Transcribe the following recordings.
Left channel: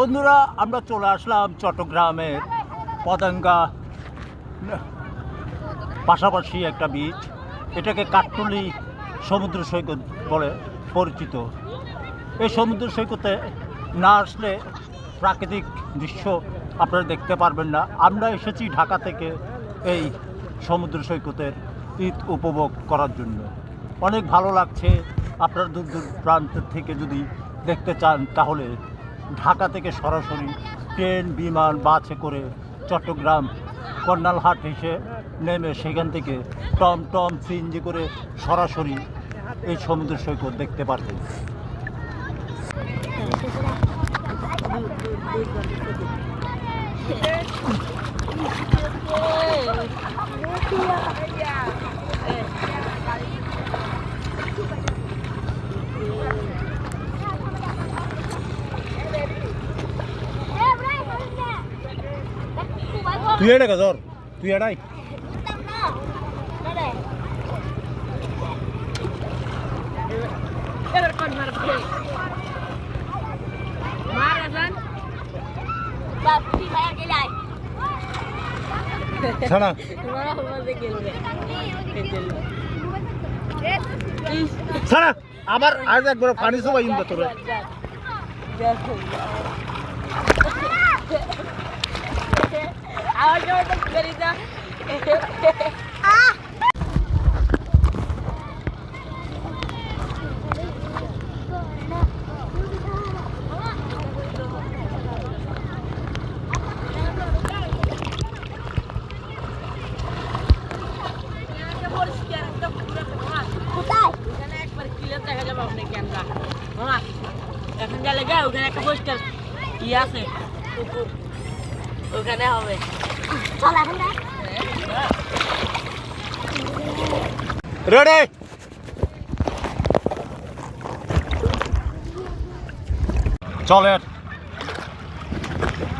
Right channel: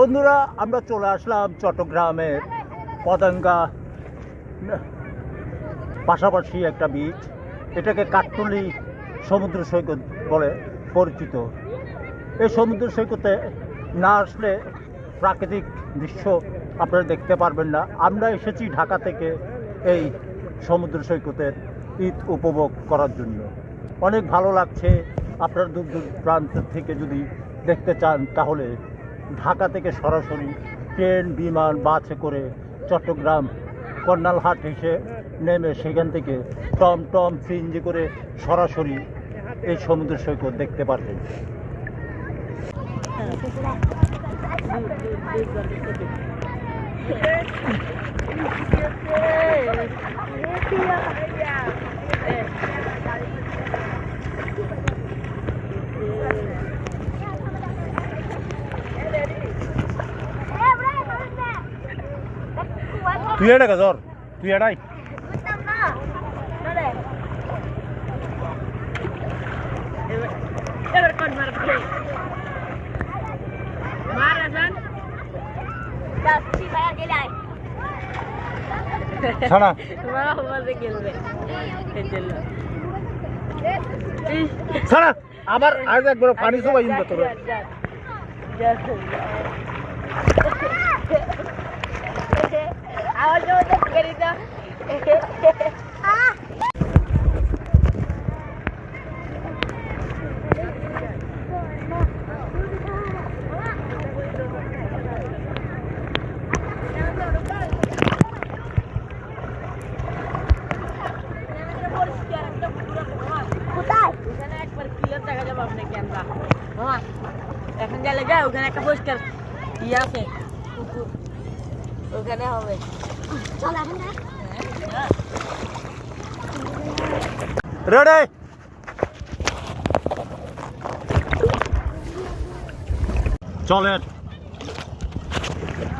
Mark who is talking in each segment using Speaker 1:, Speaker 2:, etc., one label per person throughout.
Speaker 1: বন্ধুরা, আমরা চলে আসলাম চট্টগ্রামের পদাঙ্গা পাশাপাশি একটা বিচ এটাকে কাঠটুলি সমুদ্র সৈকত বলে পরিচিত। এই সমুদ্র সৈকতে না আসলে প্রাকৃতিক দৃশ্য আপনারা দেখতে পারবেন না। আমরা এসেছি ঢাকা থেকে এই সমুদ্র সৈকতের ঈদ উপভোগ করার জন্য। অনেক ভালো লাগছে। আপনারা দূর দূর প্রান্ত থেকে যদি দেখতে চান, তাহলে ঢাকা থেকে সরাসরি ট্রেন, বিমান, বাসে করে চট্টগ্রাম কর্নালহাট এসে নেমে সেখান থেকে টম টম সিএনজি করে সরাসরি এই সমুদ্র সৈকত দেখতে পারবেন। তুই এটা গজর তুই এটাই ছাড়া ছাড়া আবার আজ একবার পানি সবাই ইন্দা তোর
Speaker 2: আওয়াজ মতো করি দাও কোথায় ওখানে একবার ক্লিয়ার দেখা যাবে আপনাকে আমরা মামা এখন গেলে যাই ওখানে একটা পরিষ্কার ই আছে পুকুর ওখানে হবে।
Speaker 3: চল এখন।
Speaker 1: রেডি? চলেন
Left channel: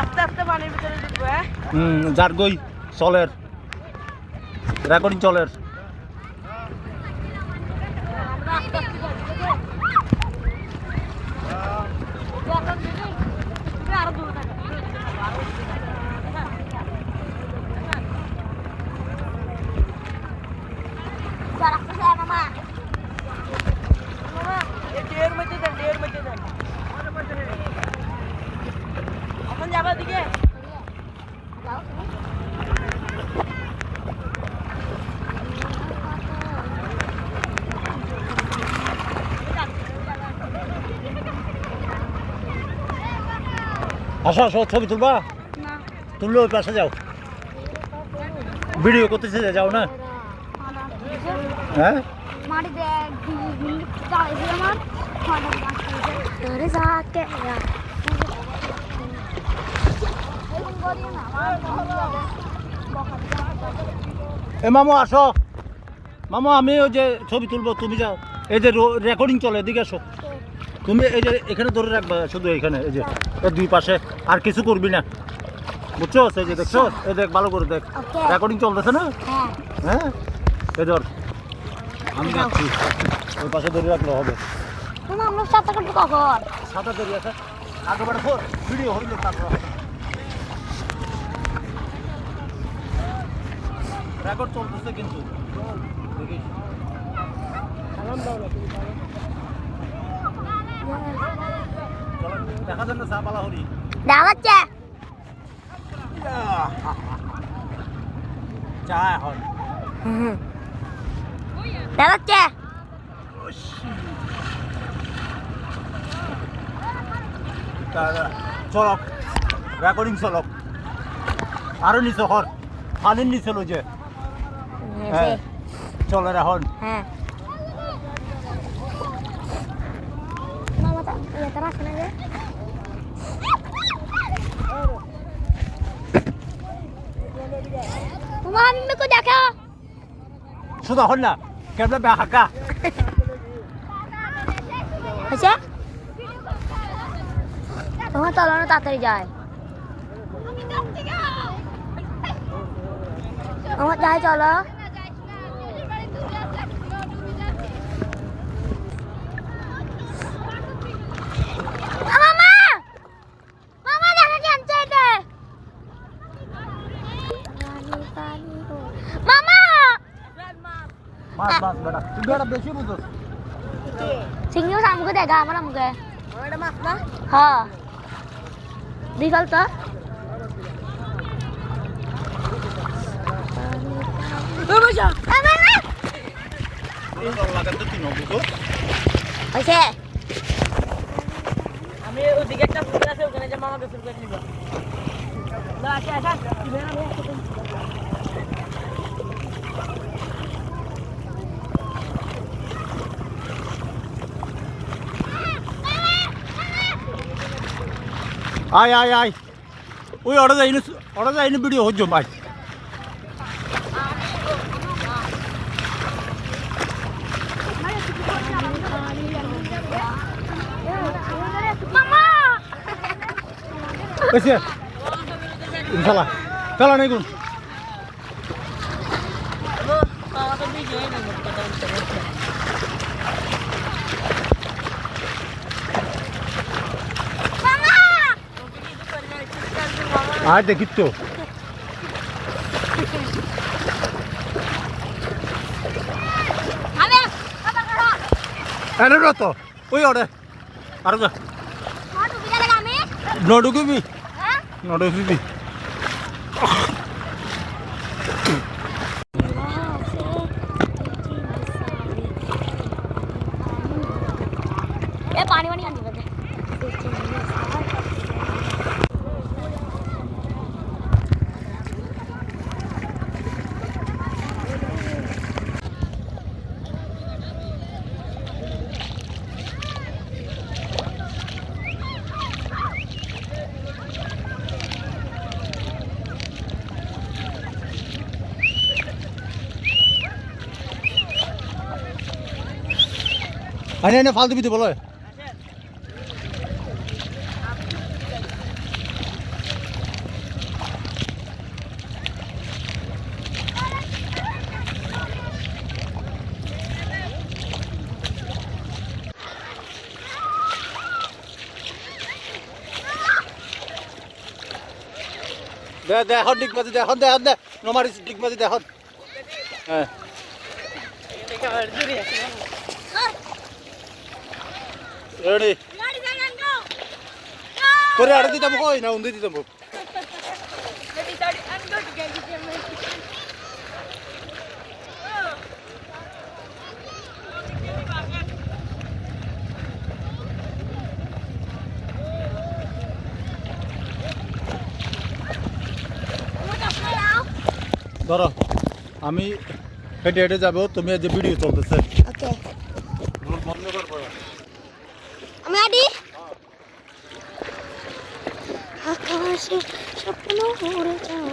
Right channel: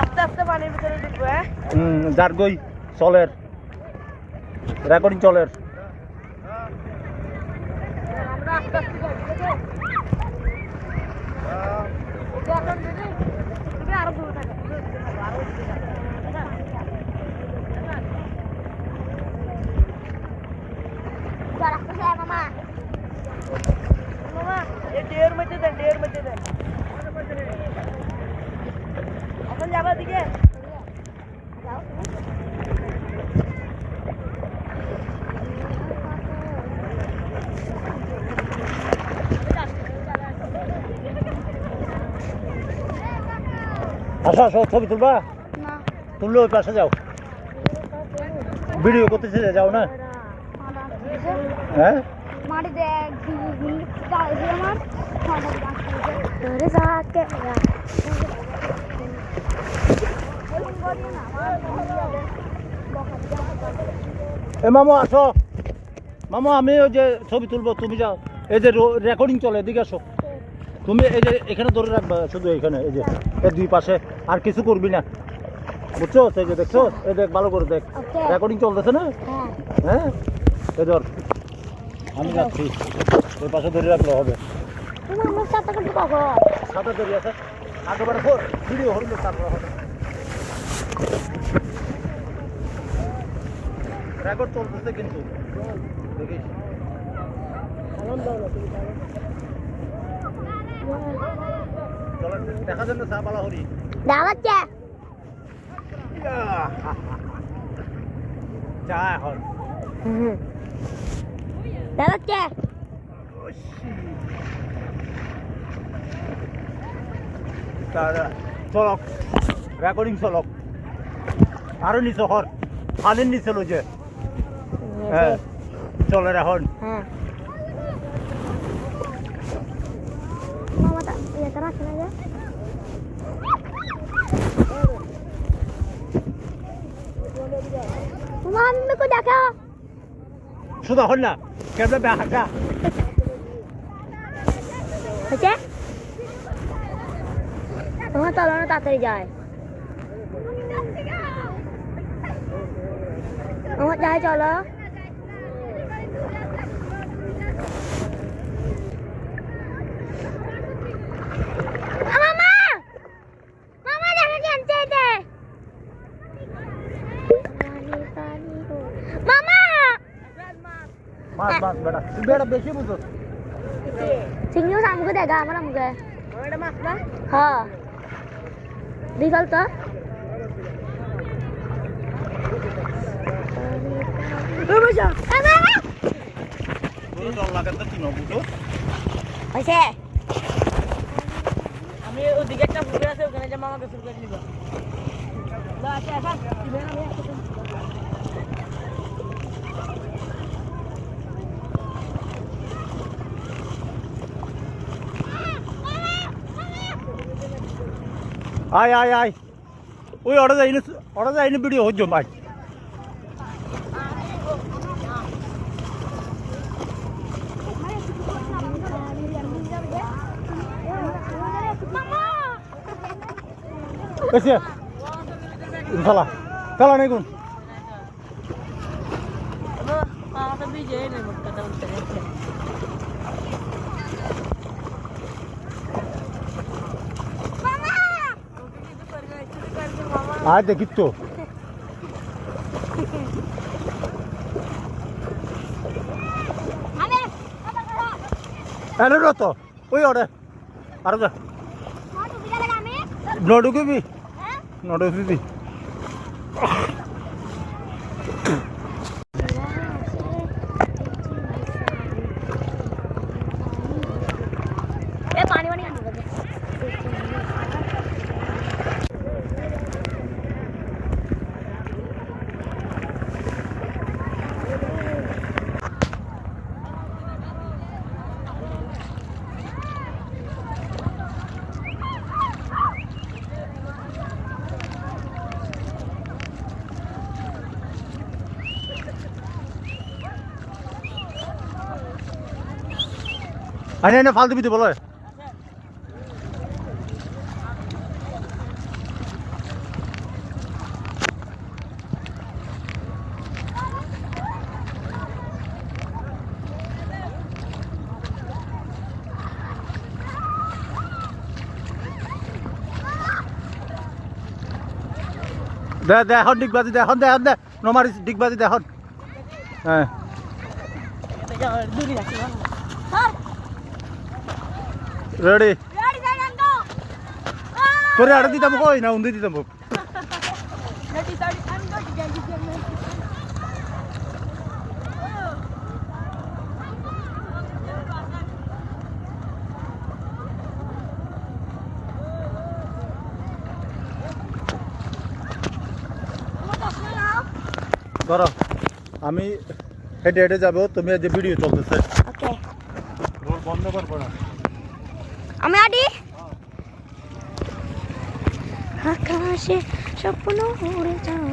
Speaker 2: আস্তে আস্তে পানির ভিতরে ঢুকবো হ্যাঁ?
Speaker 1: হুম যার গই চলের রেকর্ডিং চলের
Speaker 2: আরও দূরে থাকো আরও দূরে থাকো, আরও দূরে থাকো।
Speaker 3: চল, আসতে চল, মামা।
Speaker 2: মামা, এই ডের মধ্যে দেন ডের মধ্যে দেন এখন যাবা দিকে
Speaker 1: আসো আসো ছবি তুলবা। তুললে ওই পাশে যাও। ভিডিও করতেছে যাও না? হ্যাঁ? এ মামু আসো। মামু আমি ওই যে ছবি তুলবো তুমি যাও। এই যে রেকর্ডিং চলে এদিকে আসো। তুমি এই যে এখানে ধরে রাখবা শুধু এখানে এই যে এই দুই পাশে। আর কিছু করবি না। বুঝছ? এই যে দেখছ? এই দেখ ভালো করে দেখ। রেকর্ডিং চলতেছে না?
Speaker 3: হ্যাঁ?
Speaker 1: ধর আমি যাচ্ছি। ওই পাশে ধরে রাখলে হবে।
Speaker 3: তুমি আমার সাথে কাটবো কখন?
Speaker 1: আছে। আগেবারে ভিডিও হইল তারপর রেকর্ড চলতেছে কিন্তু। দেখিস দেখা যান না সাপালা হরি
Speaker 3: দেখাচ্ছে।
Speaker 1: চা এখন।
Speaker 3: দেখাচ্ছে
Speaker 1: চলক রেকর্ডিং চলক আরও নিচে হর পানির নিচে লই যে হ্যাঁ চলে এখন
Speaker 3: হ্যাঁ রাখে না যে তোমার আমি মেকো দেখা
Speaker 1: শুধু হন না কেমন বে হাকা
Speaker 3: হয়েছে? তোমার চলো না তাড়াতাড়ি যায়। আমার যাই চলো মামা
Speaker 1: মাছ বেটা বেশি বুঝো
Speaker 3: চিংড়ি মাছ আমাকে দেখা আমার আমাকে হ্যাঁ দীঘল তো হয়েছে
Speaker 2: আমি ওদিকে একটা পুকুর আছে ওখানে যে মামাকে করে নিব না আচ্ছা আচ্ছা তুমি আমি একসাথে-
Speaker 1: আয় আয় আয় ওই অর্ডার যাইনি অর্ডার যাইনি ভিডিও হচ্ছে ভাই
Speaker 3: মামা
Speaker 1: বেশি ইনশাল্লাহ চলো নেই গুণ
Speaker 2: তো মামা তো বিজয় নেই মোট কথা বলতে বলতে
Speaker 3: মামা
Speaker 2: ওকে কিছু করে না কিছু
Speaker 3: আমি বাবা করো
Speaker 1: এনে র তো ওই অর্ডার আর যা।
Speaker 3: কত বিজা
Speaker 1: আরে, এনে ফালতু দিতে বলো। দে দে, এখন ডিগবাজি দে, এখন দে এখন দে। নমারিস, ডিগবাজি দে, এখন। হ্যাঁ
Speaker 2: থেকে আবার দূরে আছে মামা
Speaker 1: রেডি করে আড়ে দিতাম কই না উন্দি দিতাম ধরো আমি হেঁটে হেঁটে যাব। তুমি যে ভিডিও চলতেছে।
Speaker 3: ওকে
Speaker 1: বন্ধ
Speaker 3: અમે આડી આકાશે સપનું ઉડતા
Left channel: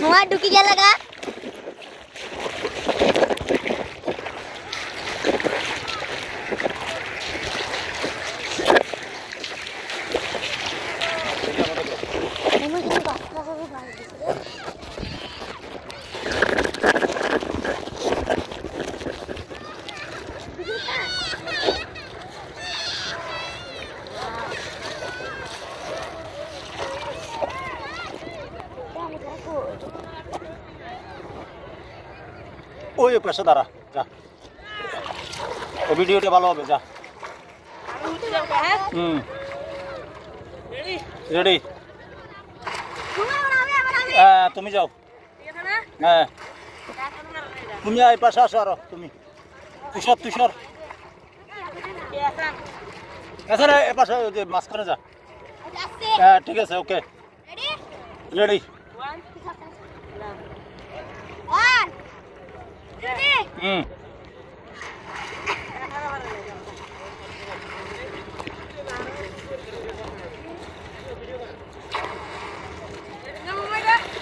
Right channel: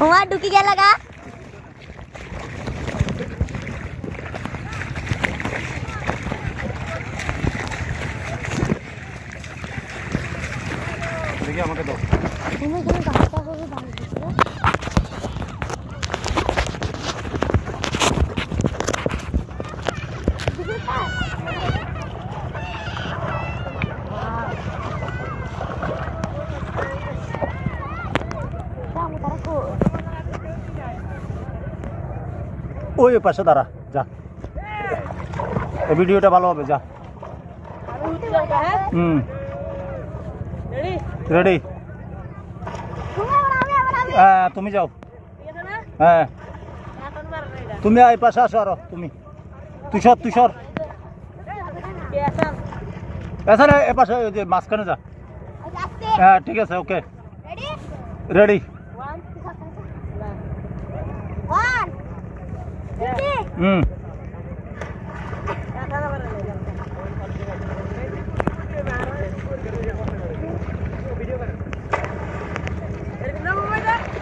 Speaker 3: মামা ঢুকি গেল গা
Speaker 1: দেখি আমাকে দাও
Speaker 3: তুমি তুমি গাছটা করে বাড়ি দিতে Kamu taruh ku.
Speaker 1: ওই পাশে দাঁড়া, যা। এই ভিডিওটা ভালো হবে, যা। হুম। রেডি. হ্যাঁ তুমি যাও। হ্যাঁ। তুমি এই পাশে আসো আরও, তুমি। তুষর তুষর। এছাড়া এ পাশে মাঝখানে যা। হ্যাঁ ঠিক আছে, ওকে? রেডি? হুম।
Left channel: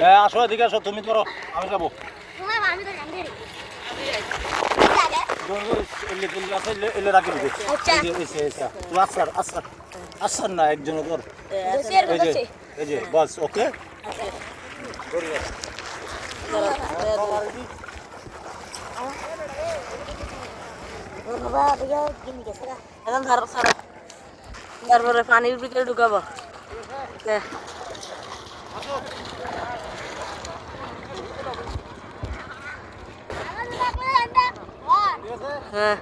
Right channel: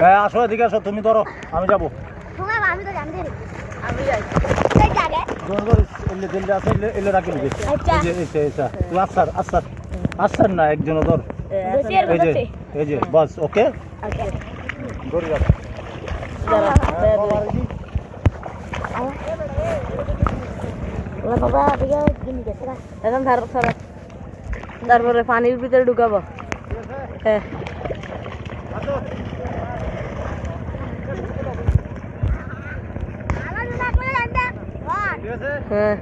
Speaker 1: হ্যাঁ আসো এদিকে আসো তুমি ধরো আমি যাব।
Speaker 3: আমি আচ্ছা।
Speaker 1: না একজন ধর। এই যে বাস ওকে?
Speaker 2: আচ্ছা।
Speaker 1: ধরে রাখ
Speaker 2: দাঁড়া
Speaker 3: ওরা বাবা দিকে গিনি গেছে না।
Speaker 2: এখন ধার সরা তারপরে পানির ভিতরে ঢুকাবো। হ্যাঁ। হ্যাঁ।